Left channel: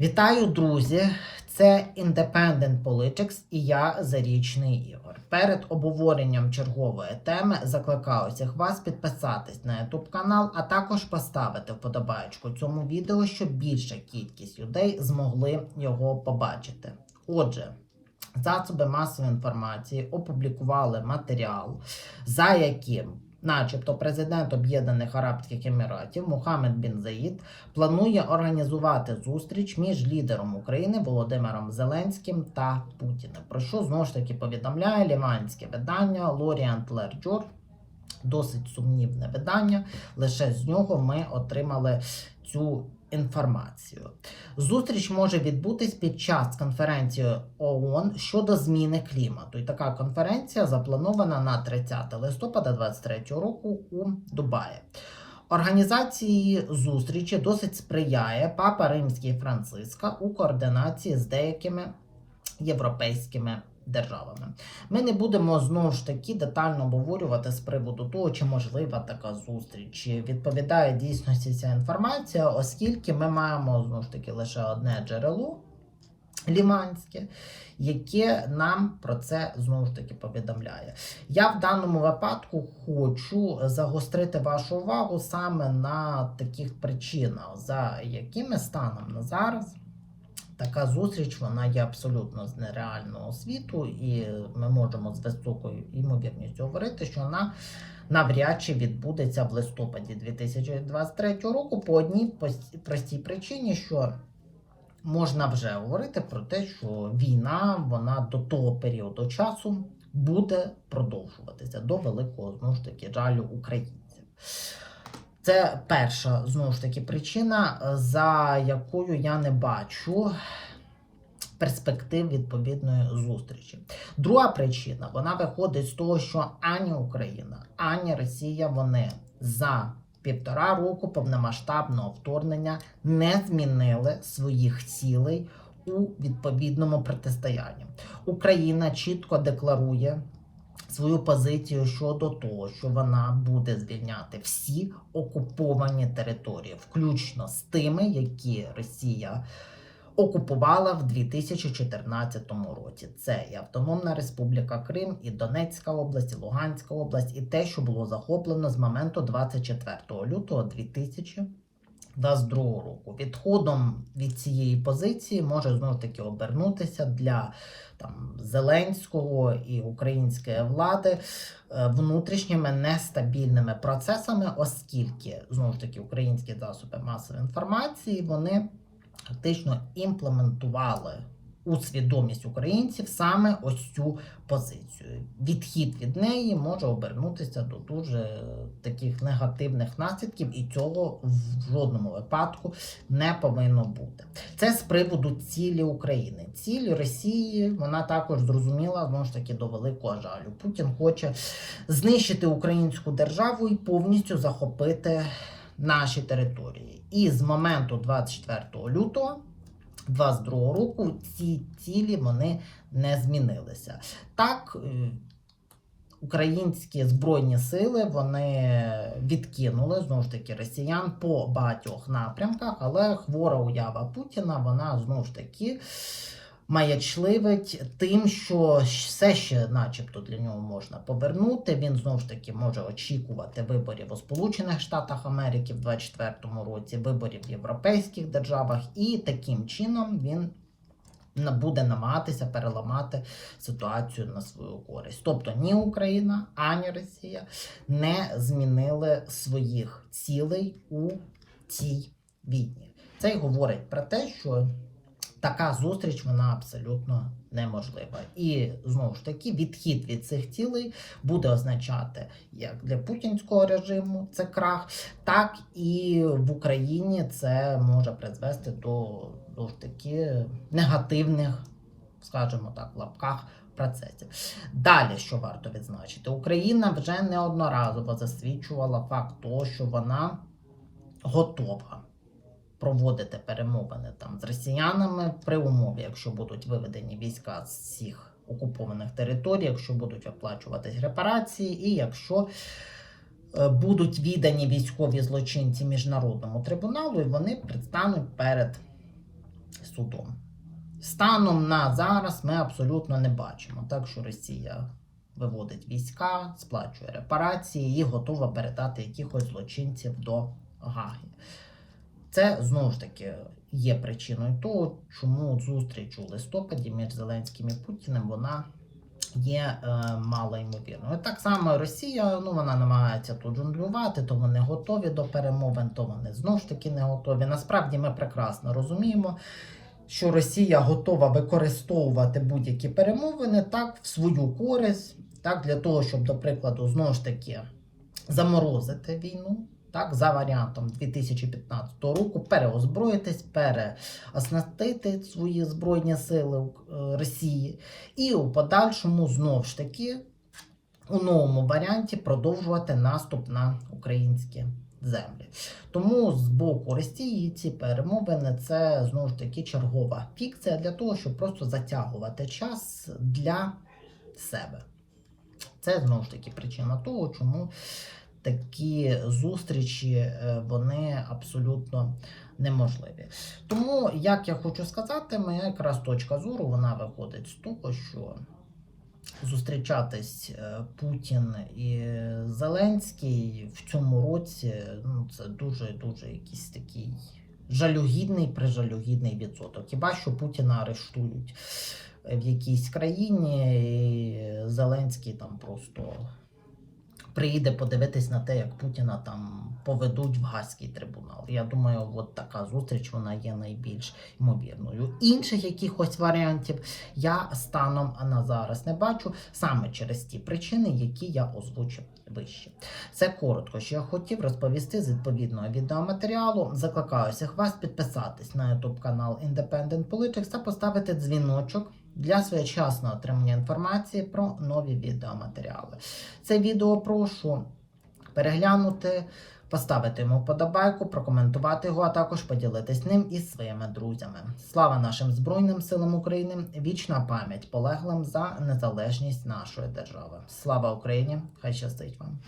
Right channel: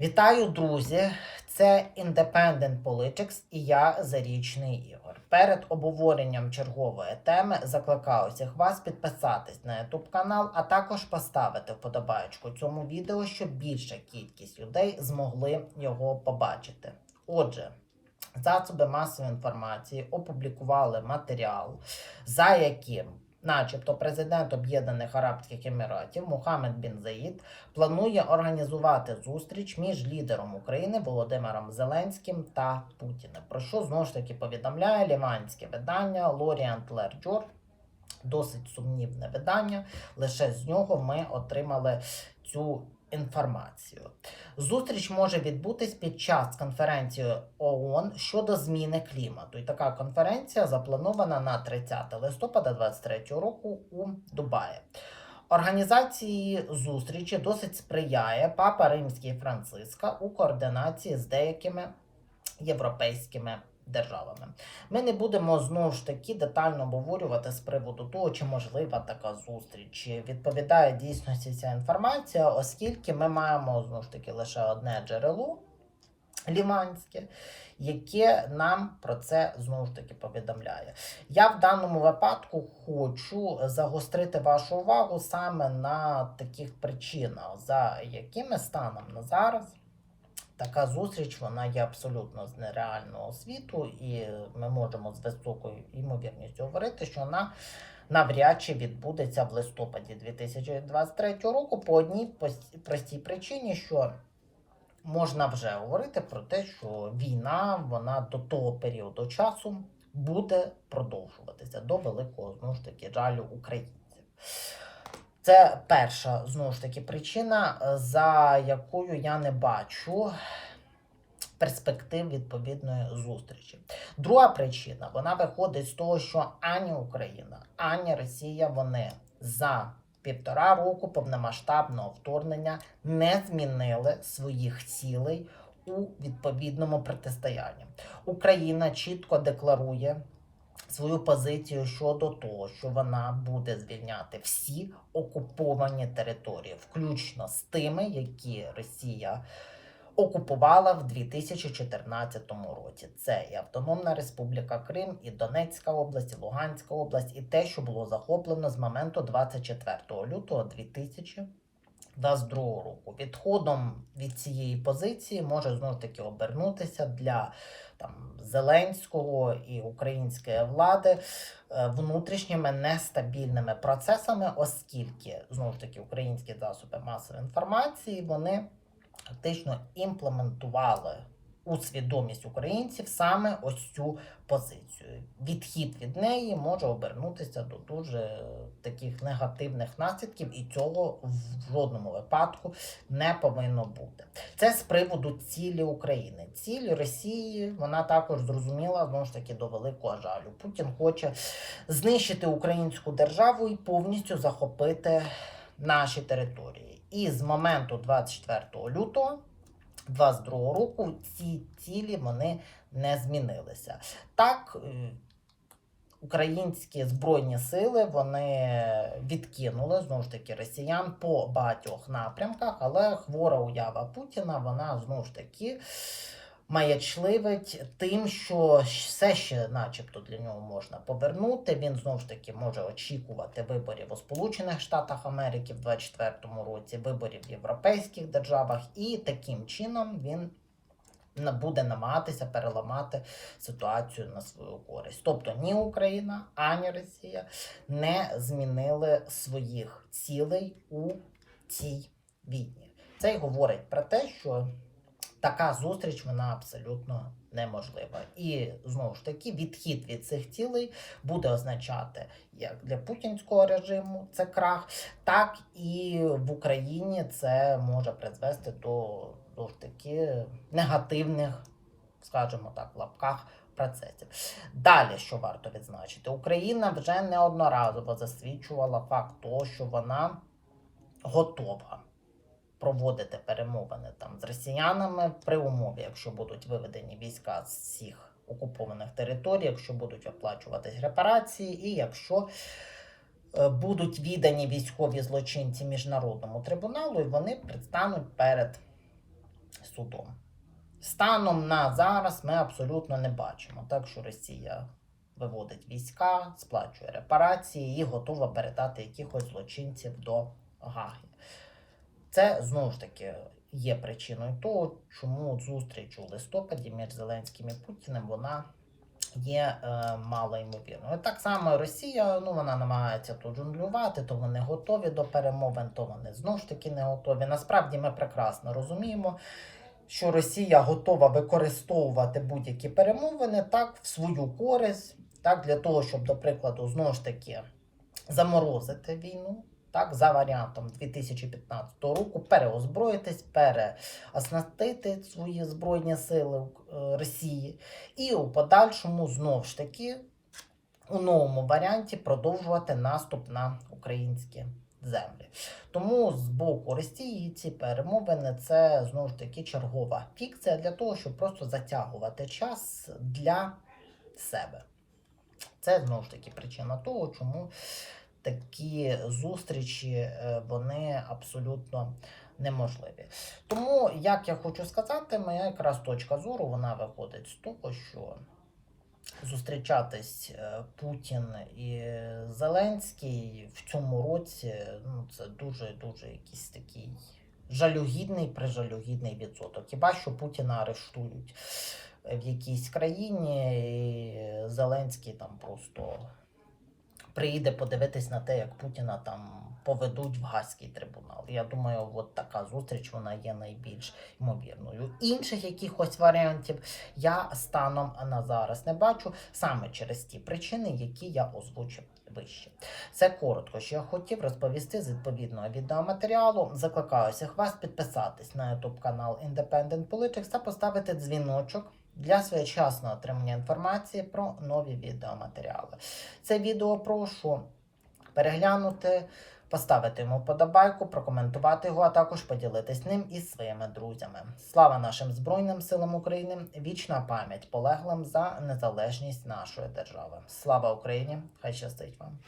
Вітаю, друзі! Це Independent Politics і я Зарічний Ігор. Перед обговоренням чергової теми закликаю всіх вас підписатись на YouTube канал, а також поставити вподобайку цьому відео, щоб більша кількість людей змогли його побачити. Отже, засоби масової інформації опублікували матеріал, за яким, начебто, президент Об'єднаних Арабських Еміратів Мухаммед Бін Заїд планує організувати зустріч між лідером України Володимиром Зеленським та Путіним. Про що знову ж таки повідомляє ліванське видання Лоріант Лерджор. Досить сумнівне видання. Лише з нього ми отримали цю інформацію. Зустріч може відбутись під час конференції ООН щодо зміни клімату. І така конференція запланована на 30 листопада 2023 року у Дубаї. Організації зустрічі досить сприяє папа Римський Франциска у координації з деякими європейськими державами. Ми не будемо знову ж таки детально обговорювати з приводу того, чи можлива така зустріч, чи відповідає дійсності ця інформація, оскільки ми маємо знову ж таки лише одне джерело ліманське. Яке нам про це знову ж таки повідомляє. Я в даному випадку хочу загострити вашу увагу саме на таких причинах, за якими станом на зараз така зустріч вона є абсолютно з нереального світу, і ми можемо з високою ймовірністю говорити, що вона навряд чи відбудеться в листопаді 2023 року по одній простій причині, що можна вже говорити про те, що війна вона до того періоду часу буде продовжуватися до великого знову ж таки жалю українців. Це перша знову ж таки причина, е, за якою я не бачу перспектив відповідної зустрічі. Друга причина вона виходить з того, що ані Україна, ані Росія вони за півтора року повномасштабного вторгнення не змінили своїх цілей у відповідному протистоянні. Україна чітко декларує свою позицію щодо того, що вона буде звільняти всі окуповані території, включно з тими, які Росія окупувала в 2014 році. Це і Автономна Республіка Крим, і Донецька область, і Луганська область, і те, що було захоплено з моменту 24 лютого 2022 року. Відходом від цієї позиції може знову таки обернутися для там Зеленського і української влади е, внутрішніми нестабільними процесами, оскільки знову ж таки українські засоби масової інформації вони фактично імплементували у свідомість українців саме ось цю позицію. Відхід від неї може обернутися до дуже таких негативних наслідків, і цього в жодному випадку не повинно бути. Це з приводу цілі України. Ціль Росії вона також зрозуміла знову ж таки до великого жалю. Путін хоче знищити українську державу і повністю захопити наші території. І з моменту 24 лютого 22 року ці цілі вони не змінилися. Так, е, українські збройні сили вони відкинули знову ж таки росіян по багатьох напрямках, але хвора уява Путіна вона знову ж таки маячливить тим, що все ще, начебто, для нього можна повернути. Він знову ж таки може очікувати виборів у Сполучених Штатах Америки в 2024 році, виборів в європейських державах, і таким чином він буде намагатися переламати ситуацію на свою користь. Тобто ні Україна, ані Росія не змінили своїх цілей у цій війні. Це й говорить про те, що така зустріч вона абсолютно неможлива. І знову ж таки, відхід від цих цілей буде означати як для путінського режиму це крах, так і в Україні це може призвести до ж таки негативних, скажімо так, в лапках. Процесів. Далі, що варто відзначити, Україна вже неодноразово засвідчувала факт того, що вона готова проводити перемовини там з росіянами при умові, якщо будуть виведені війська з всіх окупованих територій, якщо будуть оплачуватись репарації, і якщо е, будуть віддані військові злочинці міжнародному трибуналу, і вони предстануть перед судом. Станом на зараз ми абсолютно не бачимо, так що Росія виводить війська, сплачує репарації і готова передати якихось злочинців до Гаги. Це знову ж таки є причиною того, чому зустріч у листопаді між Зеленським і Путіним вона є е, мало ймовірною. Так само Росія, ну вона намагається тут жонглювати, то вони готові до перемовин, то вони знову ж таки не готові. Насправді ми прекрасно розуміємо, що Росія готова використовувати будь-які перемовини так в свою користь, так для того, щоб, до прикладу, знову ж таки заморозити війну. Так, за варіантом 2015 року переозброїтись, переоснастити свої збройні сили е, Росії, і у подальшому знову ж таки у новому варіанті продовжувати наступ на українські землі. Тому з боку Росії ці перемовини це знову ж таки чергова фікція для того, щоб просто затягувати час для себе. Це знову ж таки причина того, чому такі зустрічі е, вони абсолютно неможливі. Тому, як я хочу сказати, моя якраз точка зору вона виходить з того, що зустрічатись е, Путін і Зеленський в цьому році ну, це дуже дуже якийсь такий жалюгідний, прижалюгідний відсоток. Хіба що Путіна арештують в якійсь країні, і Зеленський там просто приїде подивитись на те, як Путіна там поведуть в Гаазький трибунал. Я думаю, от така зустріч вона є найбільш ймовірною. Інших якихось варіантів я станом на зараз не бачу саме через ті причини, які я озвучив вище. Це коротко, що я хотів розповісти з відповідного відеоматеріалу. Закликаю всіх вас підписатись на YouTube канал Independent Politics та поставити дзвіночок для своєчасного отримання інформації про нові відеоматеріали. Це відео прошу переглянути, поставити йому подобайку, прокоментувати його, а також поділитись ним із своїми друзями. Слава нашим Збройним силам України! Вічна пам'ять полеглим за незалежність нашої держави. Слава Україні! Хай щастить вам!